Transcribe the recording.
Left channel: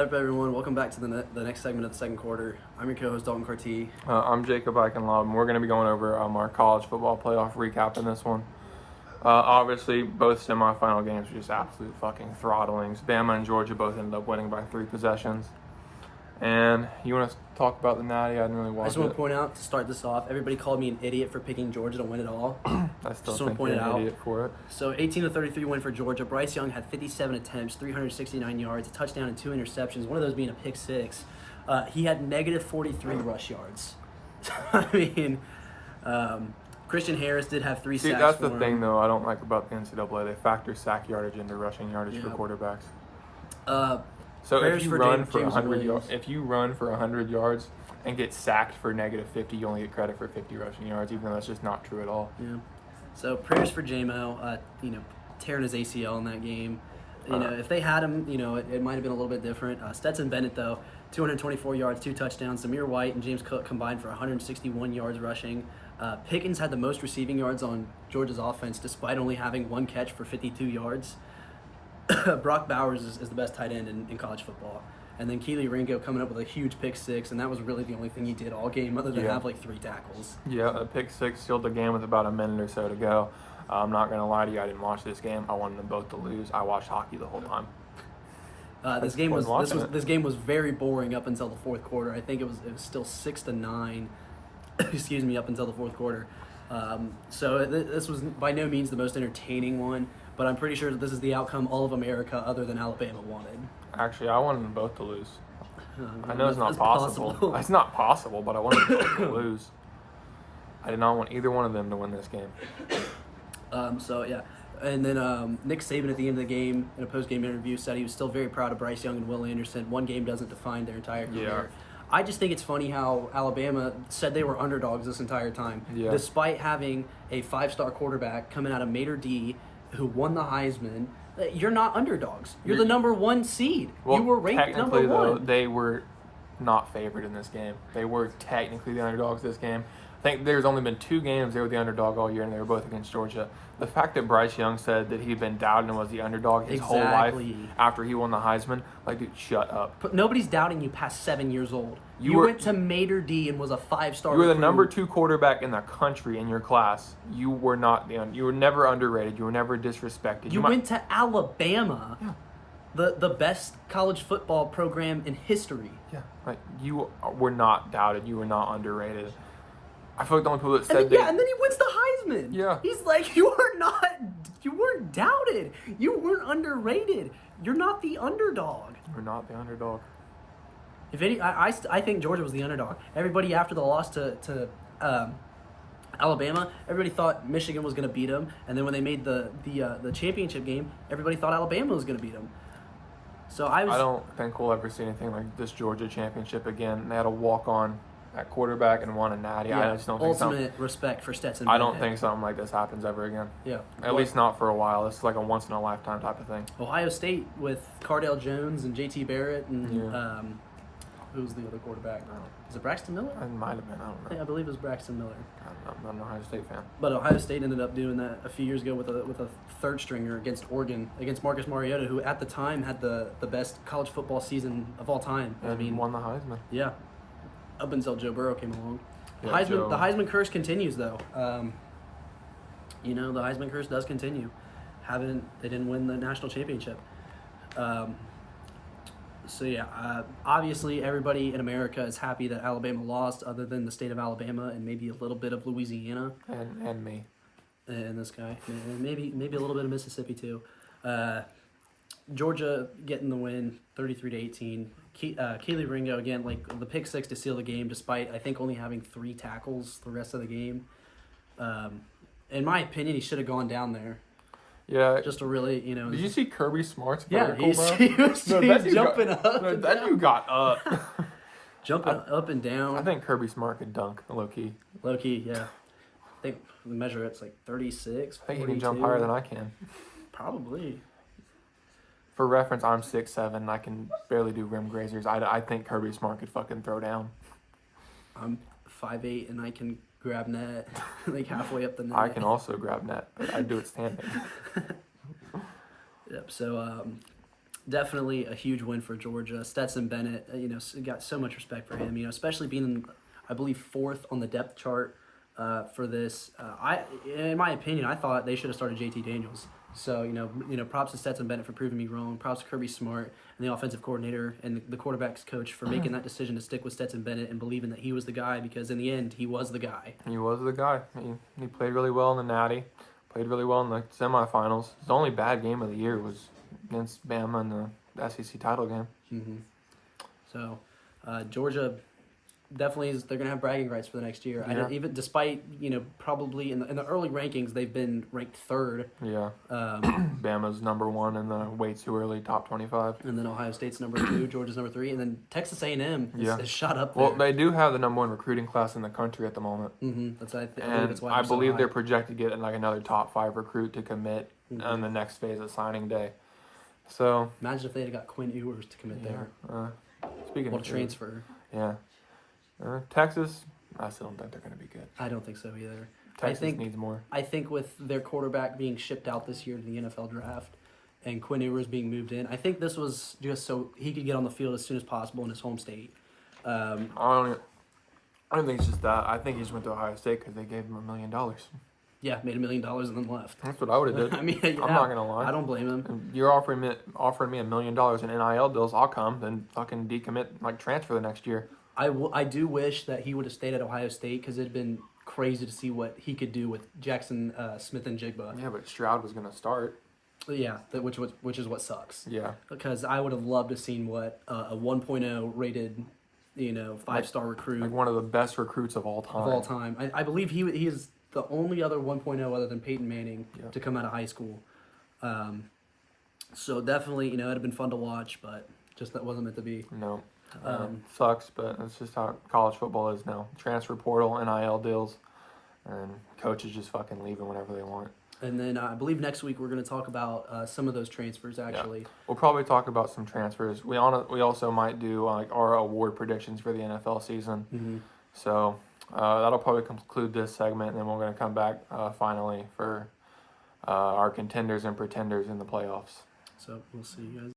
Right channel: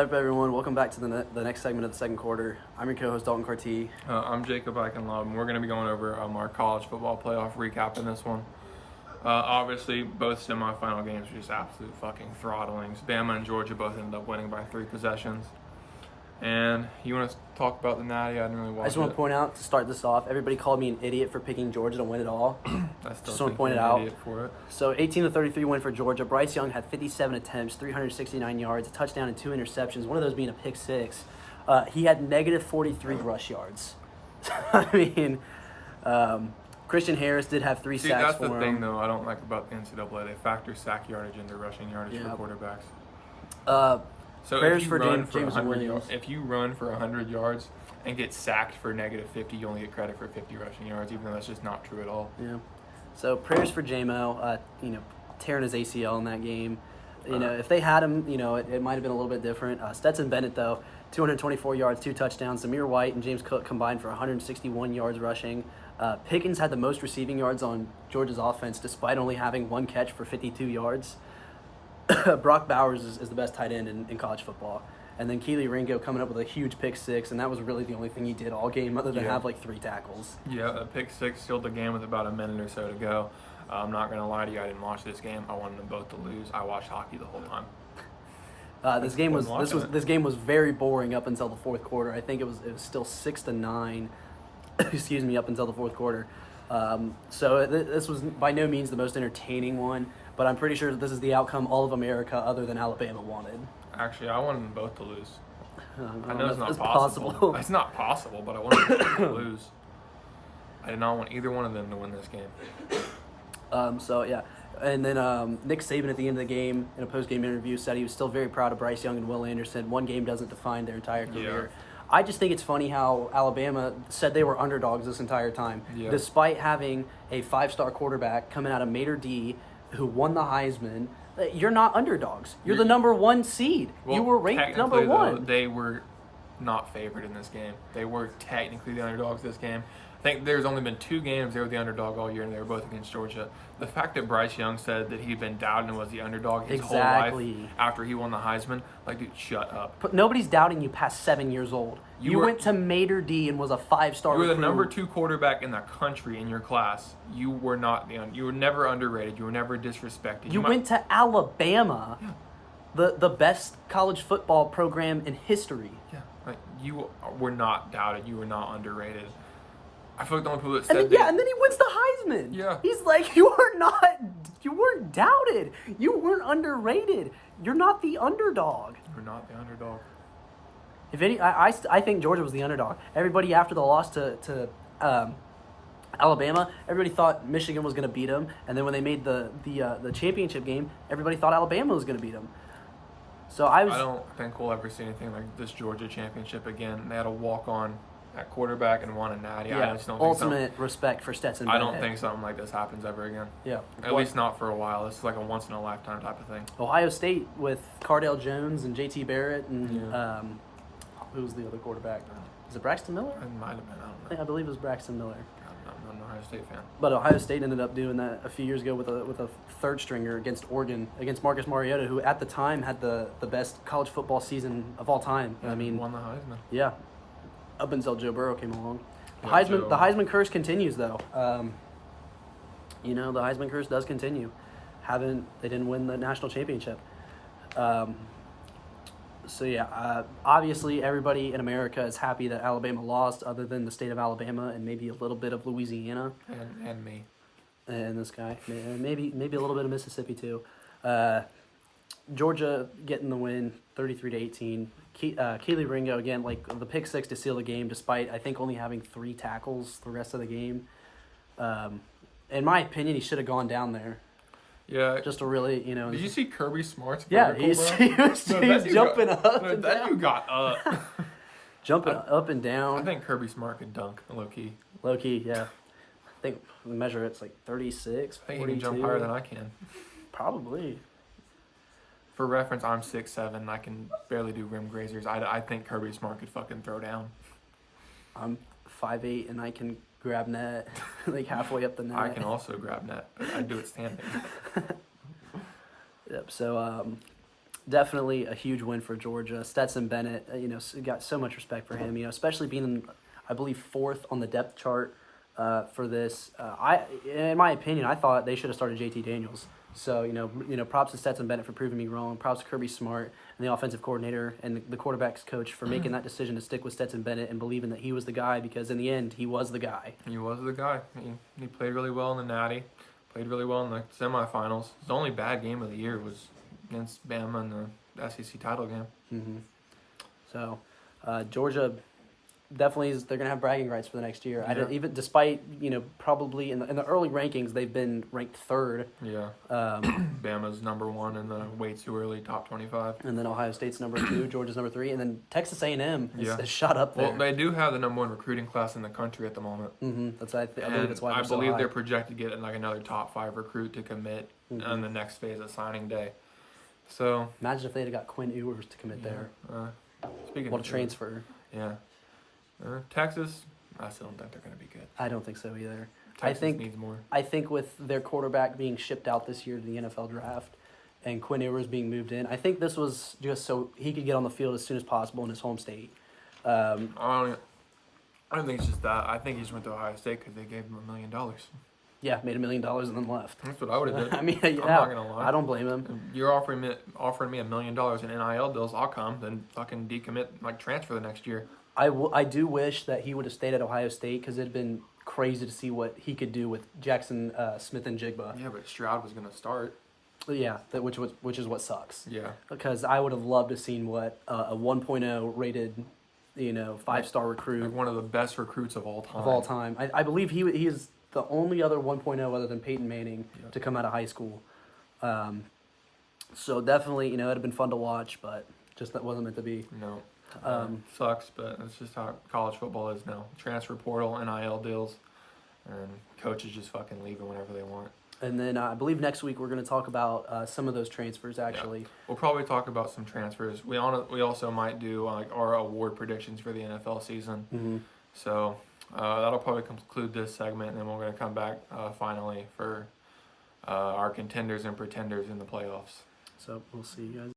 What's up, everyone? Welcome back to the next segment of the second quarter. I'm your co-host, Dalton Carty. I'm Jacob Eichenlaub, and we're going to be going over our college football playoff recap in this one. Obviously, both semifinal games were just absolute fucking throttlings. Bama and Georgia both ended up winning by 3 possessions. And you want to talk about the Natty? I didn't really watch it. I just want to point out, to start this off, everybody called me an idiot for picking Georgia to win it all. I still think you're an idiot for it. So 18-33 win for Georgia. Bryce Young had 57 attempts, 369 yards, a touchdown and 2 interceptions, one of those being a pick six. He had negative 43 rush yards. I mean, Christian Harris did have 3 sacks. See, that's the thing, though, I don't like about the NCAA. They factor sack yardage into rushing yardage for quarterbacks. So if you run for 100 yards and get sacked for negative 50, you only get credit for 50 rushing yards, even though that's just not true at all. Yeah. So praise for J-Mo, tearing his ACL in that game. If they had him, it might have been a little bit different. Stetson Bennett, though, 224 yards, 2 touchdowns. Zamir White and James Cook combined for 161 yards rushing. Pickens had the most receiving yards on Georgia's offense, despite only having 1 catch for 52 yards. Brock Bowers is the best tight end in college football. And then Keely Ringo coming up with a huge pick six, and that was really the only thing he did all game other than have 3 tackles. Yeah, a pick six sealed the game with about a minute or so to go. I'm not going to lie to you, I didn't watch this game. I wanted them both to lose. I watched hockey the whole time. This game was very boring up until the fourth quarter. I think it was still 6-9. Excuse me, up until the fourth quarter. So this was by no means the most entertaining one. But I'm pretty sure this is the outcome all of America, other than Alabama, wanted. Actually, I wanted them both to lose. I know it's not possible. It's not possible, but I wanted them both to lose. I did not want either one of them to win this game. And then Nick Saban at the end of the game, in a post-game interview, said he was still very proud of Bryce Young and Will Anderson. One game doesn't define their entire career. Yeah. I just think it's funny how Alabama said they were underdogs this entire time, despite having a 5-star quarterback coming out of Mater D, who won the Heisman. You're not underdogs. You're the number 1 seed. Well, you were ranked number 1. Though, they were not favored in this game. They were technically the underdogs this game. I think there's only been 2 games they were the underdog all year, and they were both against Georgia. The fact that Bryce Young said that he'd been doubted and was the underdog his whole life after he won the Heisman, dude, shut up. But nobody's doubting you past 7 years old. You went to Mater D and was a 5-star. You were the number 2 quarterback in the country in your class. You were not you were never underrated. You were never disrespected. You went to Alabama, the best college football program in history. Yeah, you were not doubted. You were not underrated. I feel like the only people that said and then he wins the Heisman. Yeah. He's like, you weren't doubted. You weren't underrated. You're not the underdog. You're not the underdog. If any, I think Georgia was the underdog. Everybody after the loss to Alabama, everybody thought Michigan was going to beat them, and then when they made the championship game, everybody thought Alabama was going to beat them. So I don't think we'll ever see anything like this Georgia championship again. They had a walk-on at quarterback and won a natty. Yeah, I just don't think ultimate respect for Stetson. I don't think something like this happens ever again. Yeah, at least not for a while. This is like a once-in-a-lifetime type of thing. Ohio State with Cardale Jones and J.T. Barrett and who was the other quarterback? Is it Braxton Miller? It might have been. I don't know. I believe it was Braxton Miller. I'm an Ohio State fan. But Ohio State ended up doing that a few years ago with a third stringer against Oregon, against Marcus Mariota, who at the time had the best college football season of all time. And won the Heisman. Yeah, up until Joe Burrow came along. The Yeah, the Heisman curse continues, though. The Heisman curse does continue. They didn't win the national championship. Obviously everybody in America is happy that Alabama lost, other than the state of Alabama and maybe a little bit of Louisiana. And me. And this guy. And maybe a little bit of Mississippi, too. Georgia getting the win, 33-18. Keely Ringo, again, the pick six to seal the game, despite, I think, only having 3 tackles the rest of the game. In my opinion, he should have gone down there. Yeah. Just to really, Did you see Kirby Smart's vertical, bro? He was jumping up and down. You got up. Jumping up and down. I think Kirby Smart could dunk, low-key. Low-key, yeah. I think the measure, it's 36, I think he can jump higher than I can. Probably. For reference, I'm 6'7", and I can barely do rim grazers. I think Kirby Smart could fucking throw down. I'm 5'8", and I can grab net, halfway up the net. I can also grab net, but I do it standing. Yep, so definitely a huge win for Georgia. Stetson Bennett, got so much respect for him. Especially being, I believe, fourth on the depth chart for this. In my opinion, I thought they should have started JT Daniels. So props to Stetson Bennett for proving me wrong. Props to Kirby Smart and the offensive coordinator and the quarterback's coach for making that decision to stick with Stetson Bennett and believing that he was the guy, because in the end he was the guy. He was the guy. He played really well in the Natty. Played really well in the semifinals. The only bad game of the year was against Bama in the SEC title game. Mm-hmm. So, Georgia definitely they're gonna have bragging rights for the next year. Yeah. Even despite probably in the early rankings they've been ranked third. Yeah. Bama's number 1 in the way too early top 25. And then Ohio State's number 2, Georgia's number 3, and then Texas A&M is shot up there. Well, they do have the number 1 recruiting class in the country at the moment. Mm-hmm. I And that's why I believe they're projected to get like another top 5 recruit to commit on the next phase of signing day. So imagine if they had got Quinn Ewers to commit there. Speaking of transfer. Yeah. Texas, I still don't think they're going to be good. I don't think so either. Texas needs more. I think with their quarterback being shipped out this year to the NFL draft and Quinn Ewers being moved in, I think this was just so he could get on the field as soon as possible in his home state. I don't think it's just that. I think he just went to Ohio State because they gave him $1 million. Yeah, made $1 million and then left. That's what I would have done. I mean, yeah, I'm not going to lie. I don't blame him. If you're offering me $1 million in NIL deals, I'll come. Then fucking decommit, transfer the next year. I do wish that he would have stayed at Ohio State, because it'd been crazy to see what he could do with Jackson Smith and Jigba. Yeah, but Stroud was going to start. Yeah, which is what sucks. Yeah. Because I would have loved to have seen what a 1.0 rated, 5-star recruit. Like one of the best recruits of all time. I believe he is the only other 1.0 other than Peyton Manning to come out of high school. So definitely, it'd have been fun to watch, but just that wasn't meant to be. No. Sucks, but that's just how college football is now. Transfer portal, NIL deals, and coaches just fucking leaving whenever they want. And then I believe next week we're going to talk about some of those transfers, actually. Yeah. We'll probably talk about some transfers. We also might do our award predictions for the NFL season. Mm-hmm. So that'll probably conclude this segment, and then we're going to come back finally for our contenders and pretenders in the playoffs. So we'll see you guys.